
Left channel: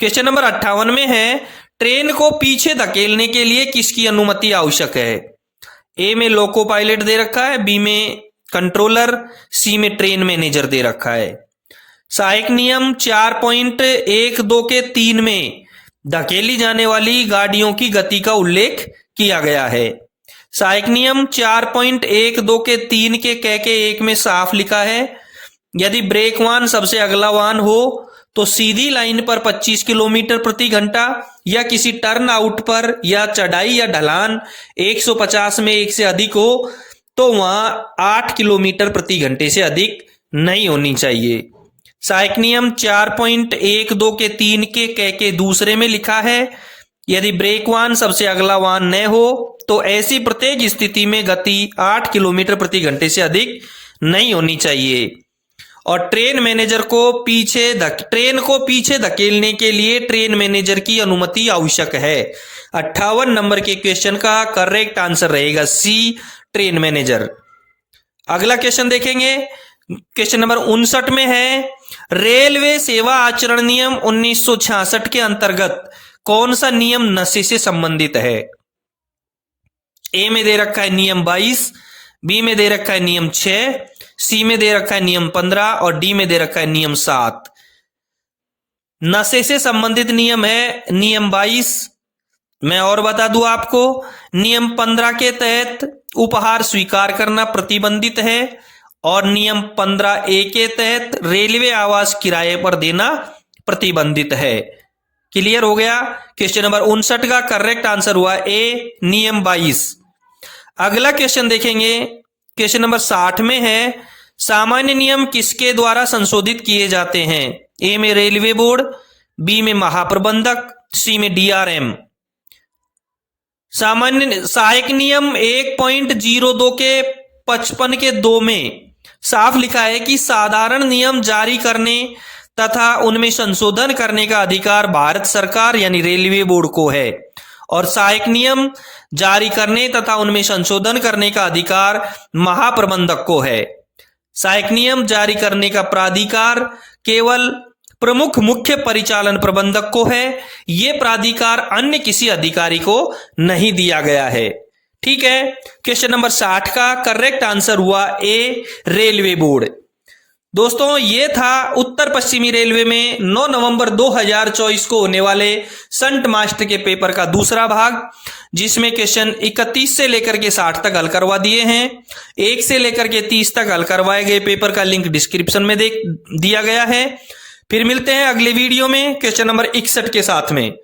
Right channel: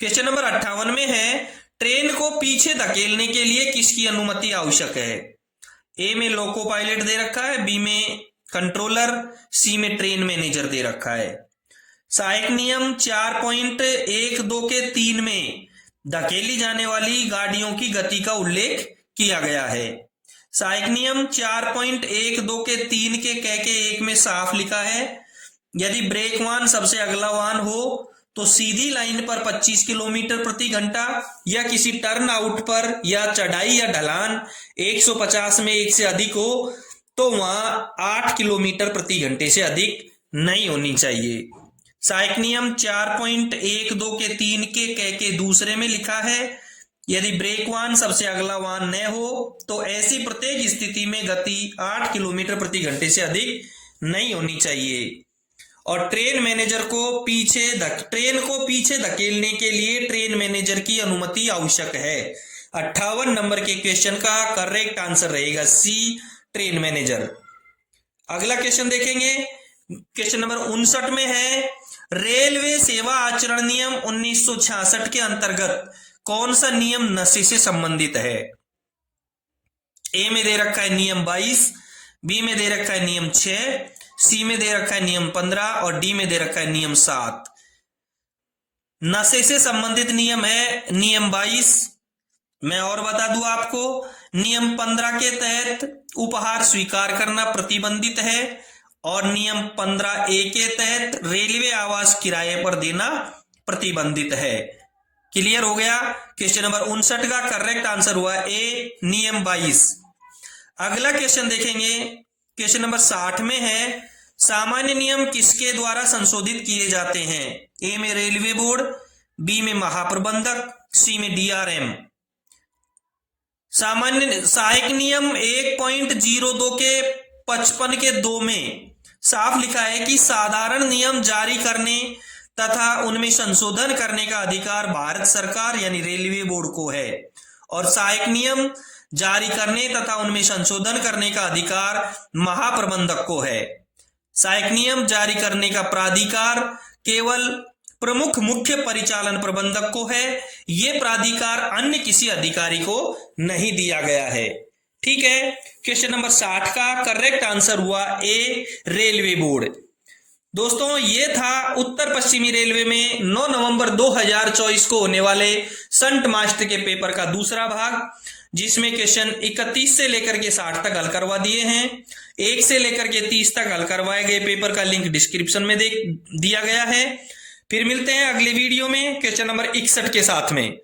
क्वेश्चन नंबर 58 में है, ट्रेन को पीछे धकेलने के लिए किसकी अनुमति आवश्यक है? ए में लोको पायलट दे रखा है, बी में कंट्रोलर, सी में ट्रेन मैनेजर दे रखा है। सहायक नियम 4.12 के 3 में धकेली जाने वाली गाड़ियों की गति का उल्लेख किया गया है। सहायक नियम 4.12 के 3 के क के 1 में साफ लिखा है, यदि ब्रेक वाहन सबसे अगला वाहन हो तो सीधी लाइन पर 25 किलोमीटर प्रति घंटा या किसी टर्न आउट पर या चढ़ाई या ढलान 150 में 1 से अधिक हो तो वहां 8 किलोमीटर प्रति घंटे से अधिक नहीं होनी चाहिए। सहायक नियम 4.12 के 3 के क के दूसरे में लिखा है, यदि ब्रेक वाहन सबसे अगला वाहन न हो तो ऐसी प्रत्येक स्थिति में गति 8 किलोमीटर प्रति घंटे से अधिक नहीं होनी चाहिए। और ट्रेन को पीछे धकेलने के लिए ट्रेन मैनेजर की अनुमति आवश्यक है। 58 नंबर के क्वेश्चन का करेक्ट आंसर रहेगा सी, ट्रेन मैनेजर। अगला क्वेश्चन देखेंगे। क्वेश्चन नंबर 59 में है, रेलवे सेवा आचरण नियम 1966 के अंतर्गत कौन सा नियम नशे से संबंधित है? ए में दे रखा है नियम 22, बी में दे रखा है नियम 6, सी में दे रखा है नियम 15 और डी में दे रखा है नियम 7। नशे से संबंधित नियम है नियम 22। मैं और बता दूं आपको, नियम 15 के तहत उपहार स्वीकार करना प्रतिबंधित है और नियम 15A के तहत रेलवे आवास किराए पर देना प्रतिबंधित है। क्लियर हो गया। क्वेश्चन नंबर 59 का करेक्ट आंसर हुआ ए, नियम 22। अगला क्वेश्चन देखेंगे, क्वेश्चन नंबर 60 में है, सामान्य नियम किसके द्वारा संशोधित किए जाते हैं? ए में रेलवे बोर्ड, बी में महाप्रबंधक, सी में डीआरएम। सामान्य सहायक नियम 1.02 के 55 के 2 में साफ लिखा है कि साधारण नियम जारी करने तथा उनमें संशोधन करने का अधिकार भारत सरकार यानी रेलवे बोर्ड को है, और सहायक नियम जारी करने तथा उनमें संशोधन करने का अधिकार महाप्रबंधक को है। सहायक नियम जारी करने का प्राधिकार केवल प्रमुख मुख्य परिचालन प्रबंधक को है। यह प्राधिकार अन्य किसी अधिकारी को नहीं दिया गया है। ठीक है। क्वेश्चन नंबर 60 का करेक्ट आंसर हुआ ए, रेलवे बोर्ड। दोस्तों, ये था उत्तर पश्चिमी रेलवे में 9 नवंबर 2024 को होने वाले संट मास्टर के पेपर का दूसरा भाग, जिसमें क्वेश्चन 31 से लेकर के 60 तक हल करवा दिए हैं। 1 से लेकर के 30 तक हल करवाए गए पेपर का लिंक डिस्क्रिप्शन में दिया गया है। फिर मिलते हैं अगले वीडियो में क्वेश्चन नंबर 61 के साथ में।